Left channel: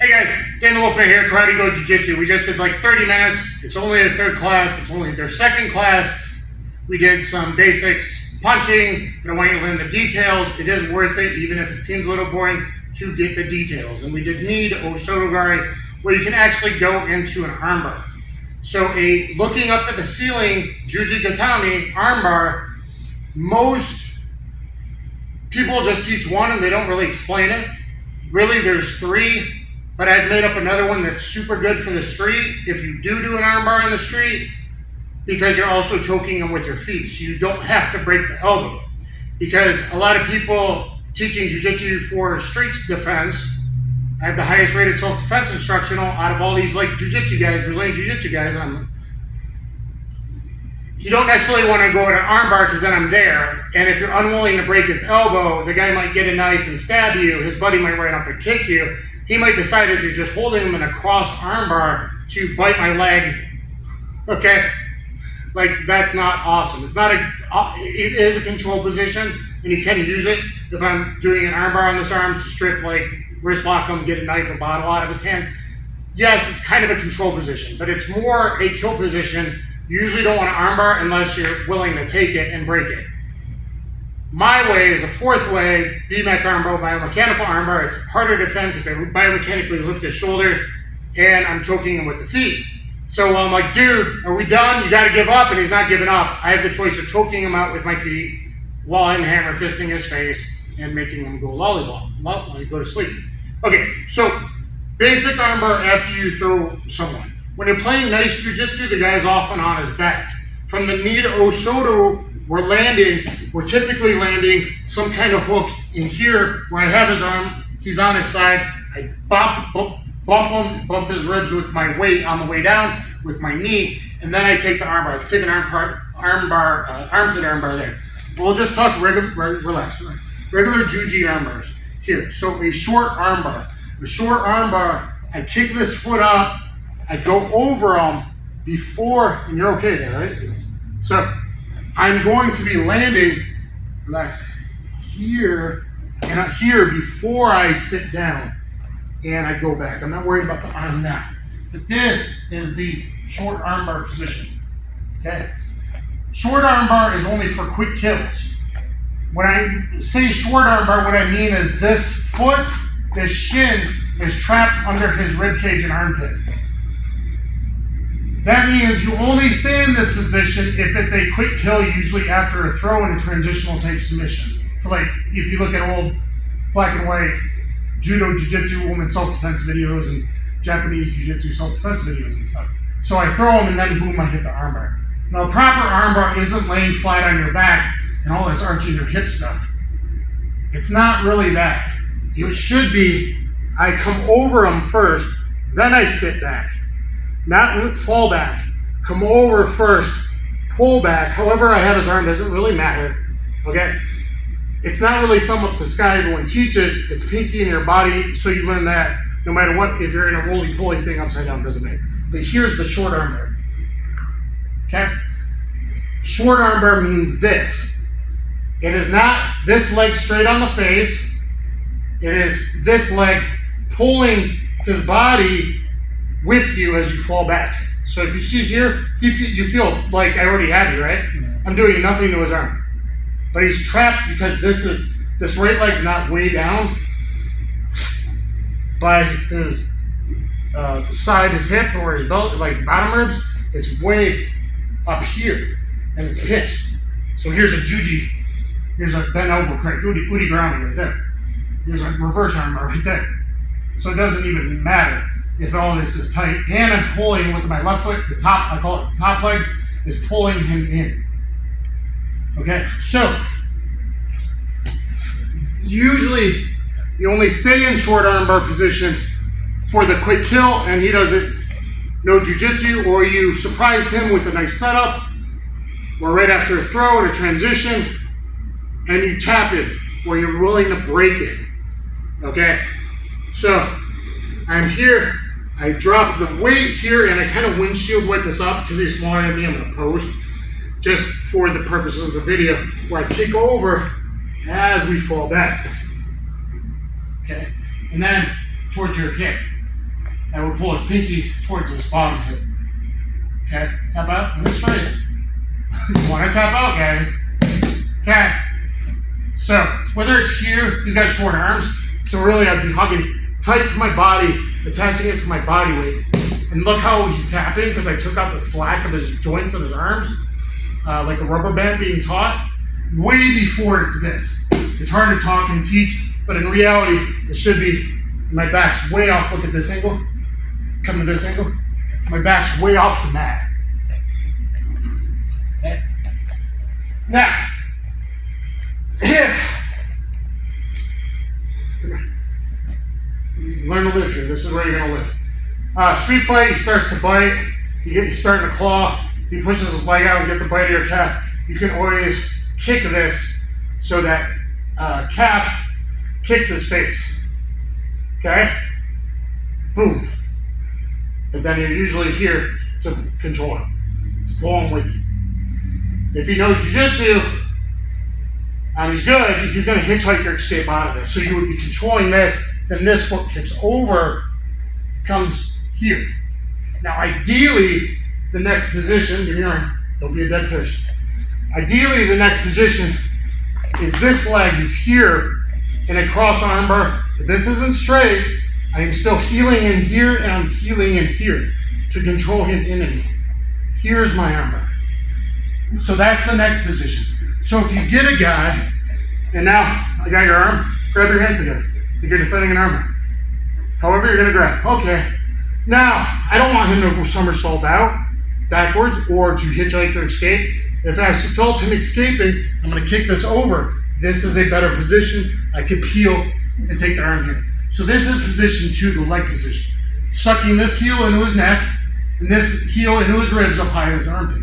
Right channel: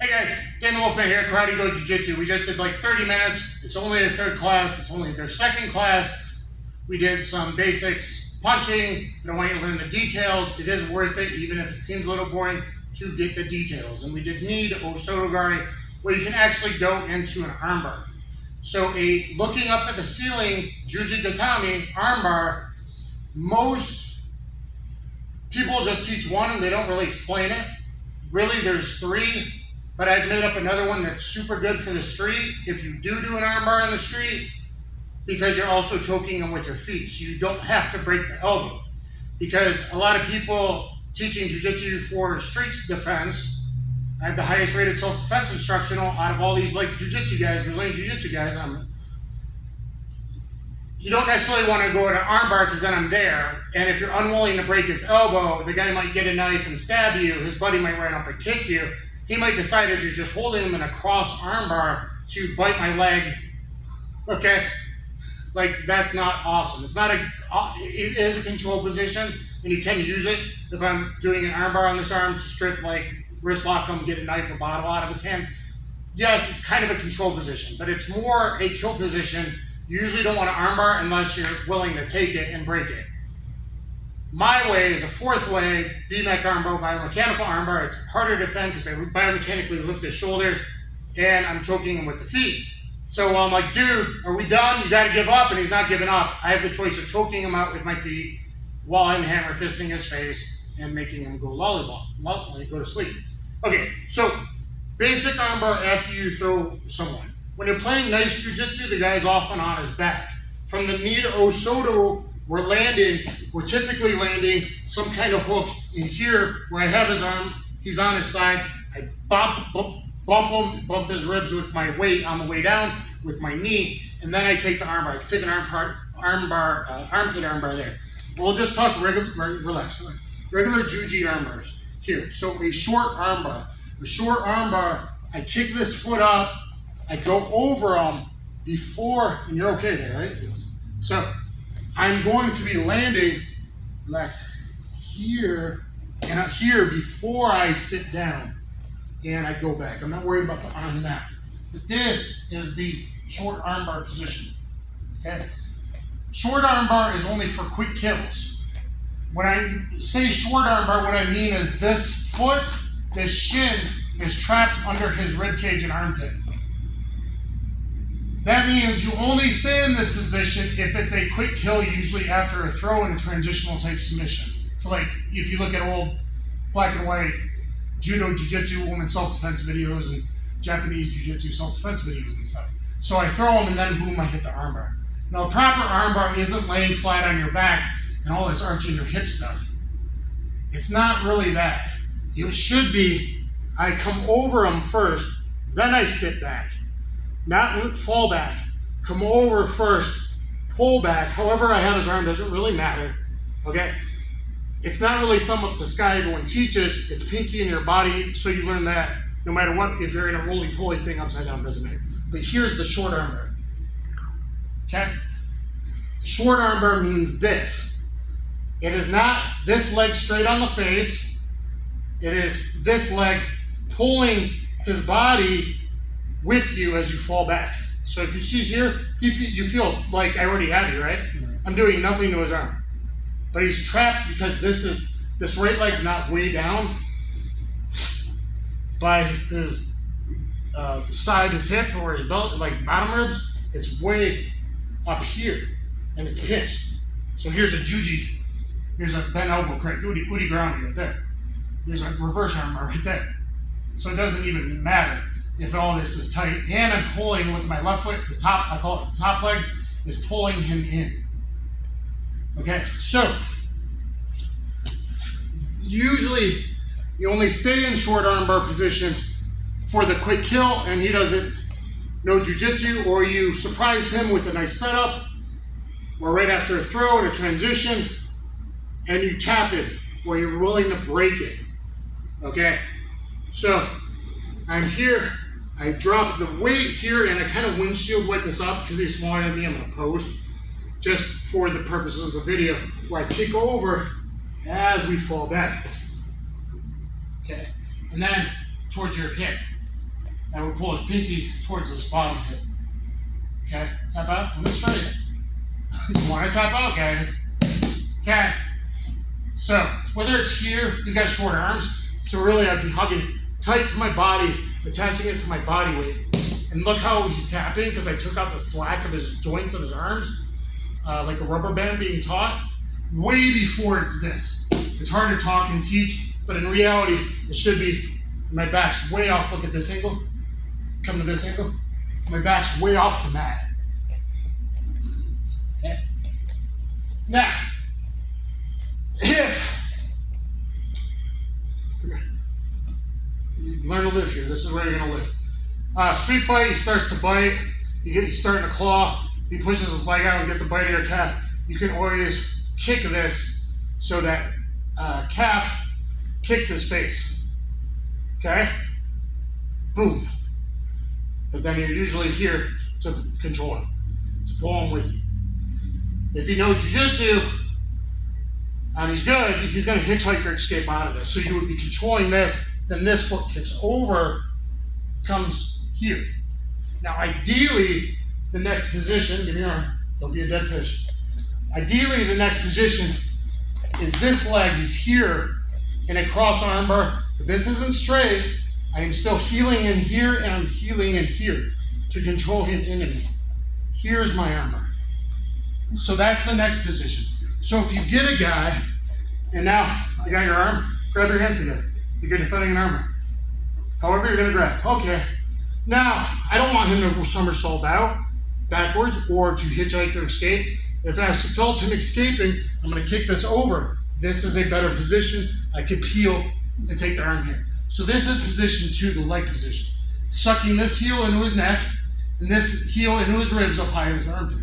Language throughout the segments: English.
Hey guys, Dan the Wolfman here, Karate Go Jiu-Jitsu. We just did like 30 minutes. It's only their third class. It's only their second class. We did some basics punching, but I want you to learn the details. It is worth it, even if it seems a little boring, to get the details. And we did Need Osotogari, where you can actually go into an armbar. So a looking up at the ceiling, Juji Gatami, armbar, most people just teach one and they don't really explain it. Really, there's three. But I've made up another one that's super good for the street. If you do an armbar on the street, because you're also choking them with your feet. So you don't have to break the elbow. Because a lot of people teaching jiu-jitsu for street defense, I have the highest rated self-defense instructional out of all these like jiu-jitsu guys, Brazilian jiu-jitsu guys. You don't necessarily want to go to an armbar because then I'm there. And if you're unwilling to break his elbow, the guy might get a knife and stab you. His buddy might run up and kick you. He might decide that you're just holding him in a cross armbar to bite my leg, okay? Like, that's not awesome. It's not it is a control position, and you can use it. If I'm doing an armbar on this arm to strip, like, wrist lock him, get a knife or bottle out of his hand, yes, it's kind of a control position, but it's more a kill position. You usually don't want to armbar unless you're willing to take it and break it. My way is a fourth way, Bmech armbar, biomechanical armbar. It's harder to defend because I biomechanically lift his shoulder and I'm choking him with the feet. So I'm like, dude, are we done? You got to give up, and he's not giving up. I have the choice of choking him out with my feet while I'm hammer fisting his face and making him go lollipop, go to sleep. Okay, so basic armbar after you throw someone. When you're playing nice jiu-jitsu, the guy's often on his back. From the knee to Osoto, we're typically landing some kind of hook in here where I have his arm, he's on his side, I bump his ribs with my weight on the way down with my knee, and then I take the armbar. I can take an armpit armbar there. We'll just talk relax. Regular Juji armbars. Here, so a short armbar. The short armbar, I kick this foot up, I go over him before, and you're okay there, right? So, I'm going to be landing, relax, here and here before I sit down and I go back. I'm not worried about the arm now. But this is the short armbar position, okay? Short armbar is only for quick kills. When I say short armbar, what I mean is this foot, this shin is trapped under his rib cage and armpit. That means you only stay in this position if it's a quick kill, usually after a throw and a transitional type submission. For like, if you look at old black and white Judo, Jiu-Jitsu, women self-defense videos and Japanese Jiu-Jitsu self-defense videos and stuff. So I throw them and then boom, I hit the armbar. Now a proper armbar isn't laying flat on your back and all this arching your hip stuff. It's not really that. It should be, I come over them first, then I sit back. Not fall back, come over first, pull back. However I have his arm doesn't really matter, okay? It's not really thumb up to sky, everyone teaches, it's pinky in your body, so you learn that no matter what, if you're in a roly-poly thing upside down, doesn't matter. But here's the short armbar, okay? Short armbar means this. It is not this leg straight on the face, it is this leg pulling his body with you as you fall back. So if you see here, you feel like I already have you, right? I'm doing nothing to his arm. But he's trapped because this right leg's not way down by his side, his hip, or his belt, like bottom ribs. It's way up here, and it's pinched. So here's a juji, here's a bent elbow crank, Udi grounding right there. Here's a reverse armbar right there. So it doesn't even matter if all this is tight, and I'm pulling, look at my left foot, the top, I call it the top leg, is pulling him in. Okay, so, usually, you only stay in short armbar position for the quick kill, and he doesn't know jiu-jitsu, or you surprised him with a nice setup, or right after a throw and a transition, and you tap it, or you're willing to break it. Okay, so, I'm here, I drop the weight here and I kind of windshield wipe this up because he's smaller than me. I'm going to post just for the purposes of the video where I kick over as we fall back. Okay, and then towards your hip. I would pull his pinky towards his bottom hip. Okay, tap out, and then straight. You want to tap out, guys. Okay. So, whether it's here, he's got short arms, so really I'd be hugging tight to my body, attaching it to my body weight. And look how he's tapping, because I took out the slack of his joints of his arms, like a rubber band being taut, way before it's this. It's hard to talk and teach, but in reality, it should be, my back's way off, look at this angle, come to this angle, my back's way off the mat. Okay. Now, if you learn to live here, this is where you're gonna live. Street fight, he starts to bite, he's starting to claw, he pushes his leg out and gets a bite of your calf. You can always kick this so that calf kicks his face. Okay? Boom. But then you're usually here to control him, to pull him with you. If he knows jiu-jitsu, and he's good, he's going to hitchhike or escape out of this. So you would be controlling this, then this foot kicks over, comes here. Now ideally, the next position, give me your arm, don't be a dead fish. Ideally, the next position is this leg is here in a cross armbar. If this isn't straight, I am still heeling in here and I'm heeling in here to control him in me. Here's my armbar. So that's the next position. So if you get a guy, and now I got your arm, grab your hands together. Like you're defending an armbar. However you're gonna grab. Okay. Now, I don't want him to somersault out, backwards, or to hitchhike or escape. If I felt him escaping, I'm gonna kick this over. This is a better position. I could peel and take the arm here. So this is position 2, the leg position. Sucking this heel into his neck, and this heel into his ribs up high in his armpit.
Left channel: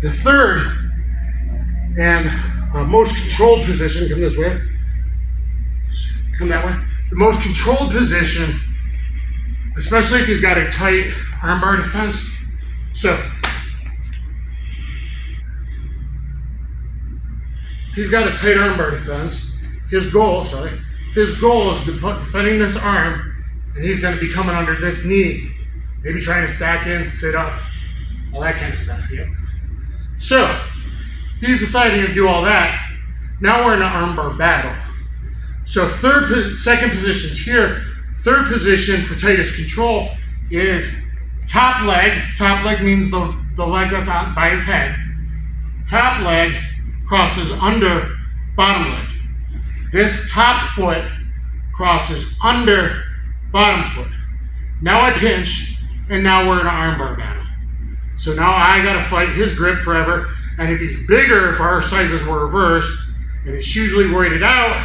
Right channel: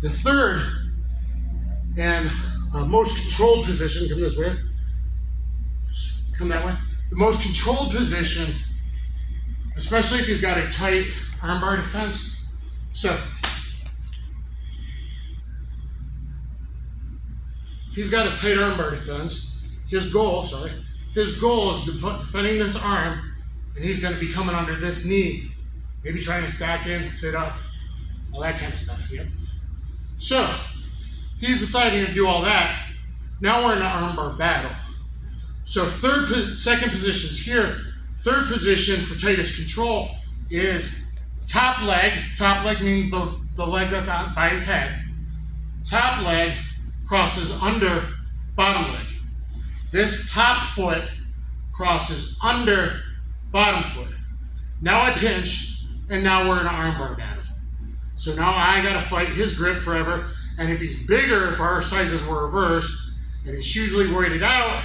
The third and most controlled position, come this way, come that way. The most controlled position, especially if he's got a tight armbar defense. So, if he's got a tight armbar defense, his goal is defending this arm, and he's going to be coming under this knee, maybe trying to stack in, sit up, all that kind of stuff. Yeah. So, he's deciding to do all that. Now we're in an armbar battle. So second position's here. Third position for tightest control is top leg. Top leg means the leg that's on by his head. Top leg crosses under bottom leg. This top foot crosses under bottom foot. Now I pinch, and now we're in an armbar battle. So now I gotta fight his grip forever. And if he's bigger, if our sizes were reversed, and he's hugely weighted out,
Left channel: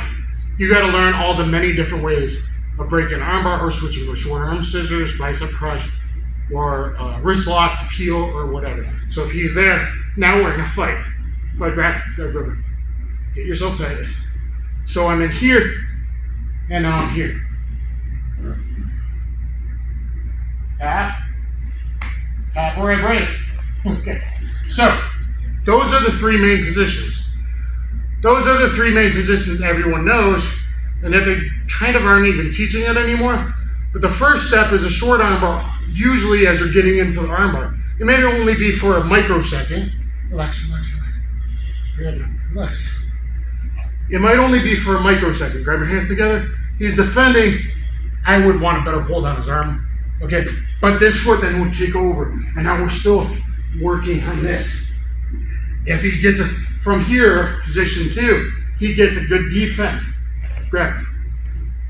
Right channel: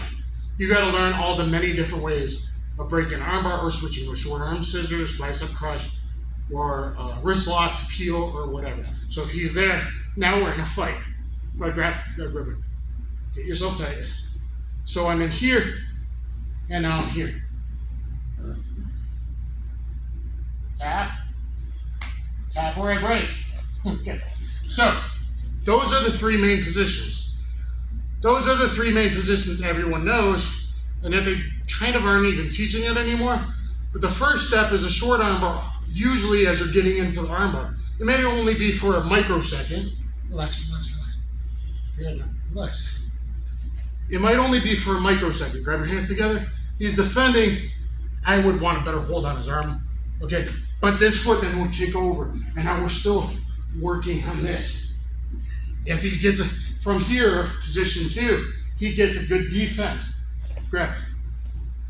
you gotta learn all the many different ways of breaking armbar or switching with short arm scissors, bicep crush, or wrist lock to peel or whatever. So if he's there, now we're gonna fight. Like grab, get yourself tight. So I'm in here, and now I'm here. Tap, tap where I break. Okay, so those are the 3 main positions. Those are the 3 main positions everyone knows, and that they kind of aren't even teaching it anymore. But the first step is a short armbar. Usually as you're getting into the armbar, it may only be for a microsecond. Relax, relax, relax. Relax. It might only be for a microsecond. Grab your hands together. He's defending. I would want a better hold on his arm. Okay, but this foot then would kick over, and now we're still working on this. If he gets it from here, position 2, he gets a good defense. Grab.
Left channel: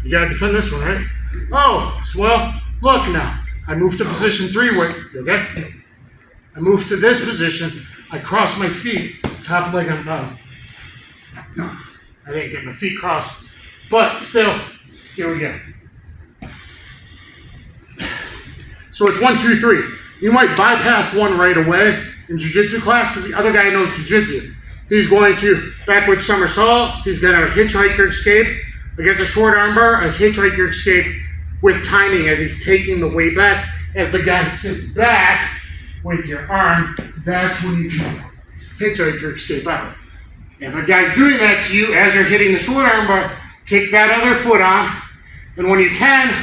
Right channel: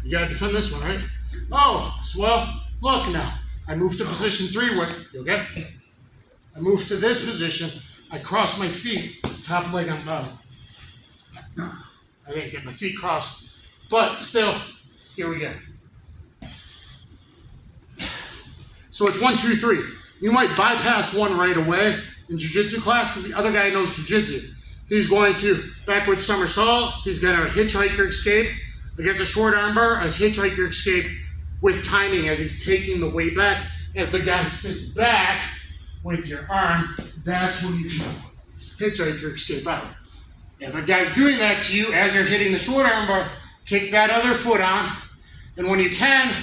You gotta defend this one, right? Oh, well, look now. I move to position 3, wait, okay? I move to this position, I cross my feet, top leg on bottom. No, I didn't get my feet crossed, but still, here we go. So it's 1, 2, 3. You might bypass one right away in jiu-jitsu class because the other guy knows jiu-jitsu. He's going to backward somersault. He's going to hitchhiker escape against a short armbar, a hitchhiker escape with timing as he's taking the weight back. As the guy sits back with your arm, that's when you can hitchhiker escape out. If a guy's doing that to you as you're hitting the short armbar, kick that other foot on, and when you can,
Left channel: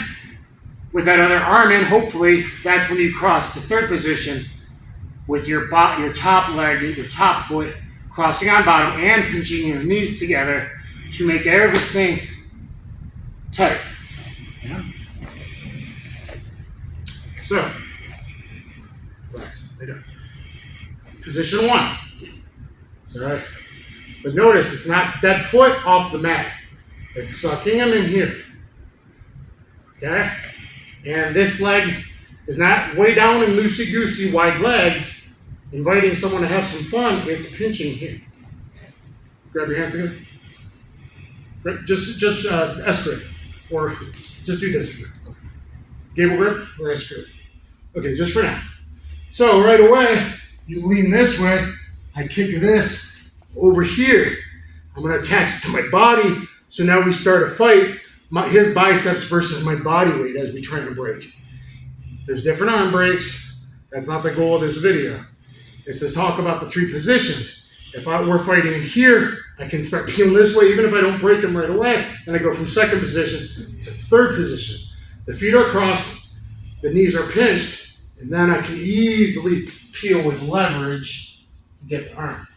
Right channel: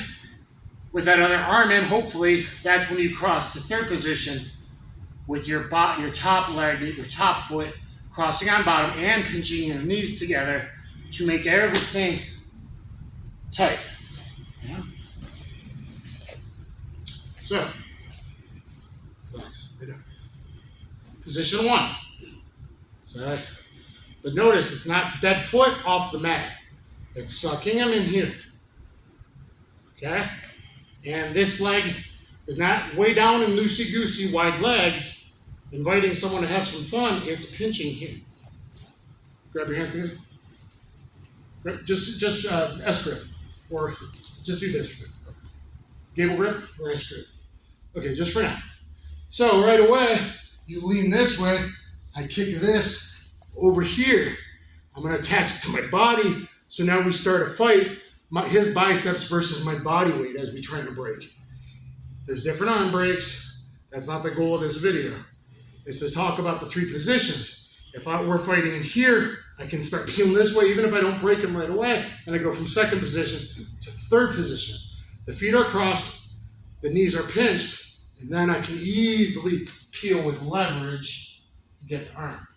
with that other arm in, hopefully, that's when you cross the third position with your top leg, your top foot, crossing on bottom and pinching your knees together to make everything tight. Yeah? So, relax, lay down. Position 1. Sorry. But notice it's not dead foot off the mat. It's sucking him in here. Okay? And this leg is not way down and loosey-goosey wide legs, inviting someone to have some fun. It's pinching here. Grab your hands together. Just S grip. Or just do this grip. Gable grip or S grip. Okay, just for now. So right away, you lean this way. I kick this over here. I'm going to attach it to my body. So now we start a fight. His biceps versus my body weight as we try to break. There's different arm breaks. That's not the goal of this video. It's to talk about the 3 positions. If we're fighting in here, I can start peeling this way even if I don't break him right away. And I go from second position to third position. The feet are crossed, the knees are pinched, and then I can easily peel with leverage to get the arm.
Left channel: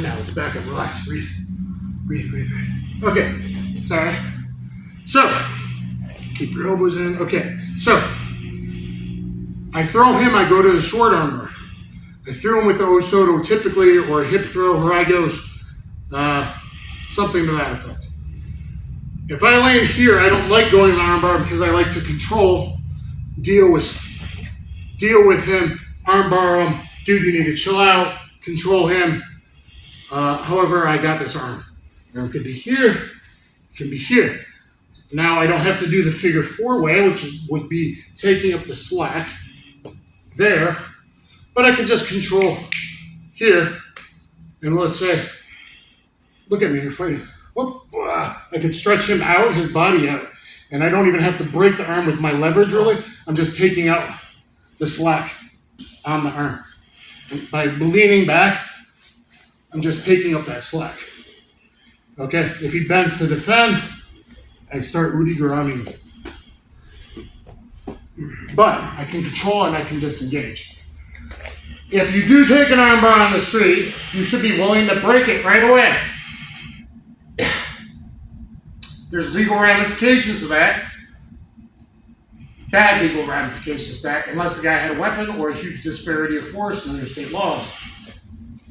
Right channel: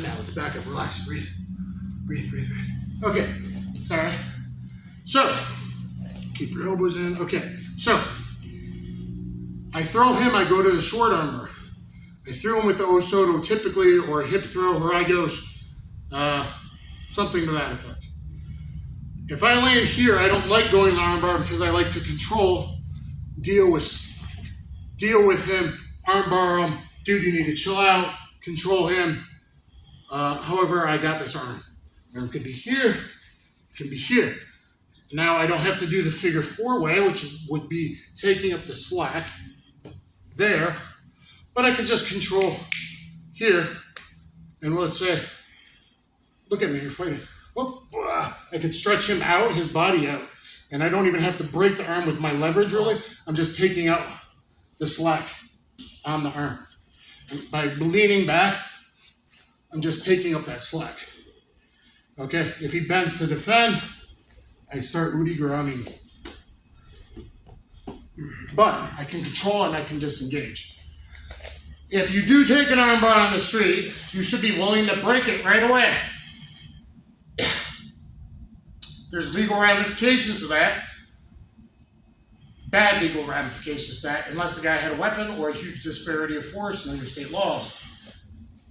Now let's back up, relax, breathe. Breathe, breathe, breathe. Okay, sorry. So, keep your elbows in. Okay, so, I throw him, I go to the short armbar. I threw him with the Osoto typically, or a hip throw, Haragos, something to that effect. If I land here, I don't like going to the armbar because I like to control, deal with him, armbar him, dude, you need to chill out, control him. However, I got this arm. It could be here, it can be here. Now I don't have to do the figure 4 way, which would be taking up the slack there, but I can just control here, and let's say, look at me, you're fighting. Whoop, I could stretch him out, his body out, and I don't even have to break the arm with my leverage really. I'm just taking out the slack on the arm. And by leaning back, I'm just taking up that slack. Okay, if he bends to defend, I start Udi Garami. But I can control and I can disengage. If you do take an armbar on the street, you should be willing to break it right away. There's legal ramifications to that. Bad legal ramifications to that, unless the guy had a weapon or a huge disparity of force in other state laws.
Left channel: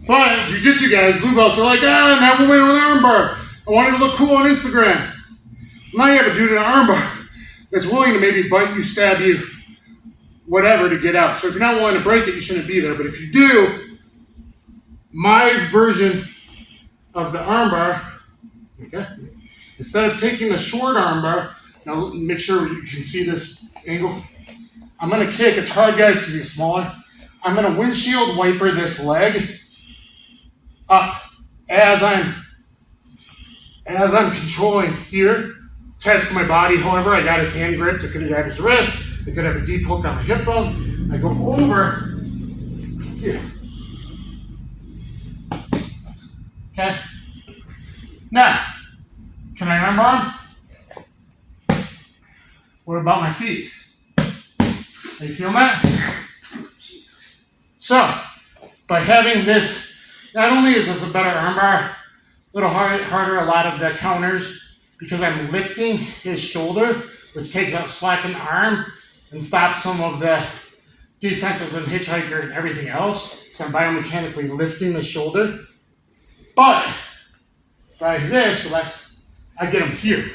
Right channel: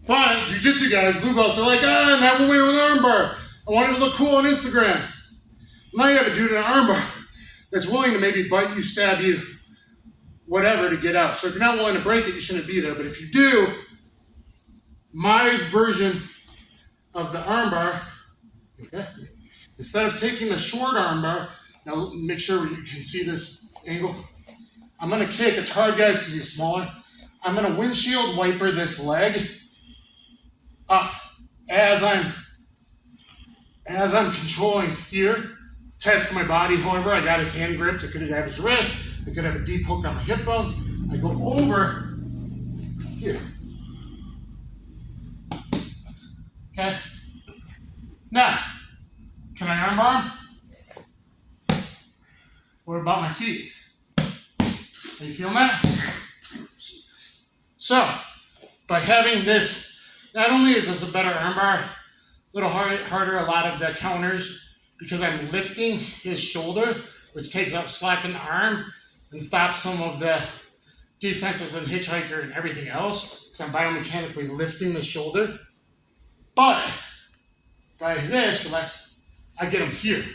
But jiu-jitsu guys, blue belts, are like, never win with an armbar. I wanted to look cool on Instagram. Now you have a dude in an armbar that's willing to maybe bite you, stab you, whatever to get out. So if you're not willing to break it, you shouldn't be there. But if you do, my version of the armbar, okay, instead of taking the short armbar, now make sure you can see this angle. I'm going to kick. It's hard, guys, because he's smaller. I'm going to windshield wiper this leg up as I'm controlling here, attached to my body. However, I got his hand gripped. I could have his wrist. I could have a deep hook on my hip bone. I go over here. Okay. Now, can I armbar? What about my feet? Are you feeling that? So, by having this, not only is this a better armbar, a little harder a lot of the counters, because I'm lifting his shoulder, which takes out slack in the arm and stops some of the defenses in hitchhiker and everything else, because I'm biomechanically lifting the shoulder. But by this, relax, I get him here.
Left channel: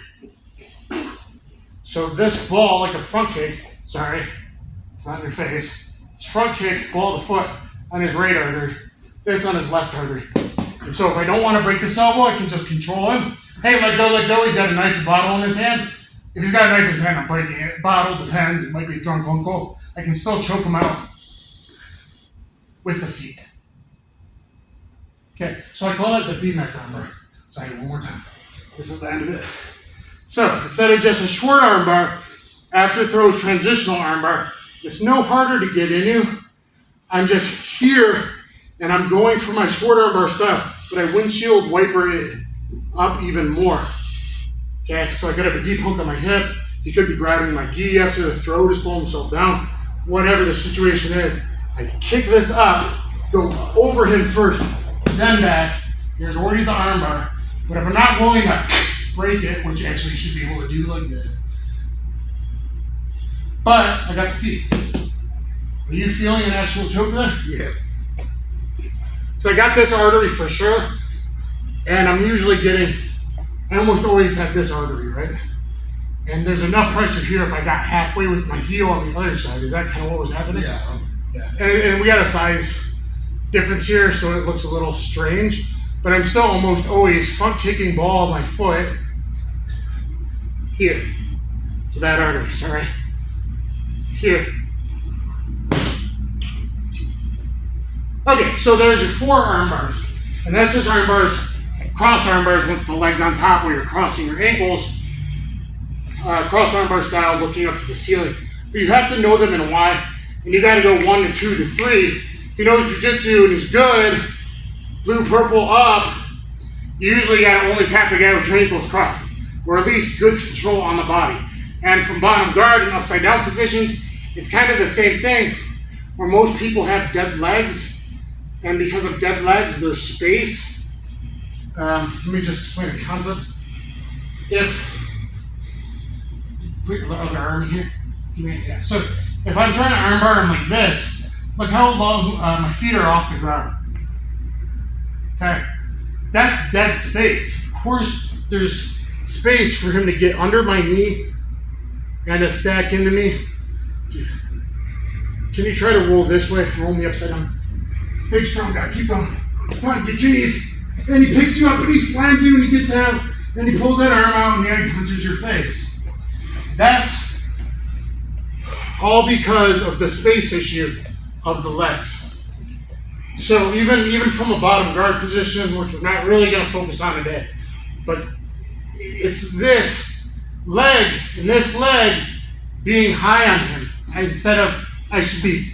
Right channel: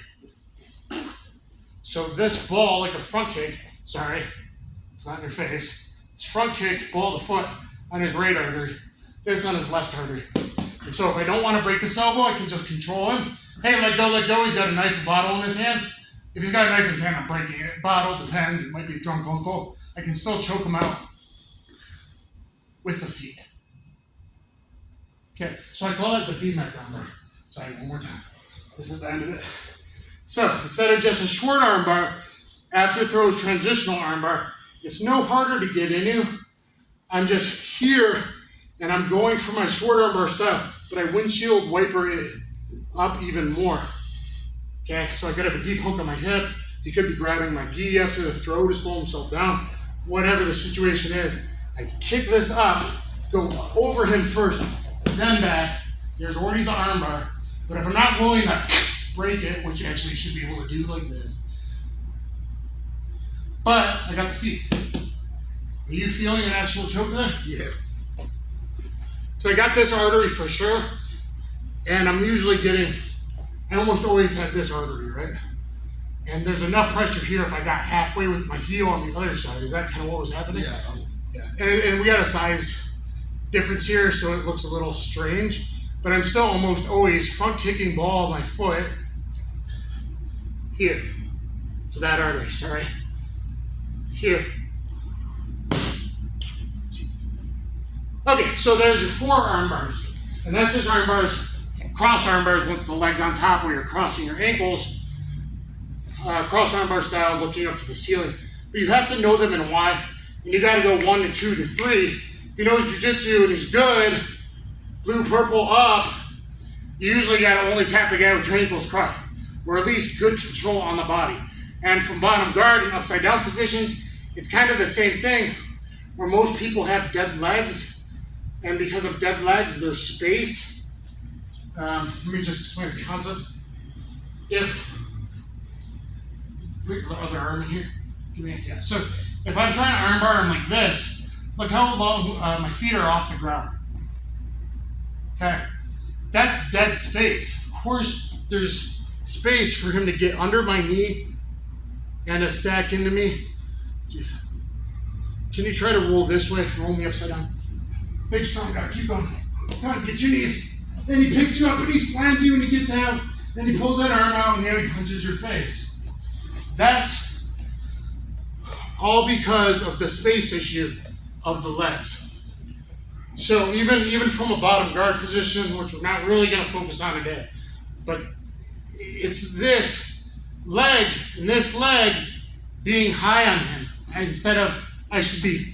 So this ball, like a front kick, sorry, it's not in your face, it's front kick, ball of the foot on his right artery, this on his left artery. And so if I don't want to break this elbow, I can just control him. Hey, let go, he's got a knife and bottle in his hand. If he's got a knife in his hand, I'm breaking it. Bottle, depends, it might be a drunk uncle. I can still choke him out with the feet. Okay, so I call it the Bmech armbar. Sorry, one more time. This is the end of it. So, instead of just a short armbar, after throws transitional armbar, it's no harder to get into. I'm just here, and I'm going for my short armbar style, but I windshield wiper it up even more. Okay, so I could have a deep hook on my hip. He could be grabbing my gi after the throw to slow himself down. Whatever the situation is, I can kick this up, go over him first, then back. There's already the armbar. But if I'm not willing to break it, which actually you should be able to do like this, but I got the feet. Are you feeling an actual choke there? Yeah. So I got this artery for sure, and I'm usually getting, I almost always have this artery, right? And there's enough pressure here if I got halfway with my heel on the other side. Is that kind of what was happening? Yeah. And we got a size difference here, so it looks a little strange, but I'm still almost always front kicking ball on my foot here to that artery, sorry. Here. Okay, so there's your 4 arm bars. And that's just arm bars, cross arm bars once the leg's on top where you're crossing your ankles. Cross arm bar style, looking up to the ceiling. But you have to know them and why. And you gotta go 1 to 2 to 3. If he knows jiu-jitsu and he's good, blue, purple, up, you usually gotta only tap the guy with your ankles crossed. Or at least good control on the body. And from bottom guard and upside down positions, it's kind of the same thing where most people have dead legs. And because of dead legs, there's space. Let me just explain the concept. If, put your other arm in here. Give me, yeah. So if I'm trying to armbar him like this, look how long my feet are off the ground. Okay, that's dead space. Of course, there's space for him to get under my knee and to stack into me. Can you try to roll this way? Roll me upside down. Big strong guy, keep going. Come on, get your knees. And he picks you up and he slams you and he gets out and he pulls that arm out and then he punches your face. That's all because of the space issue of the legs. So even from a bottom guard position, which we're not really going to focus on today, but it's this leg and this leg being high on him instead of I should be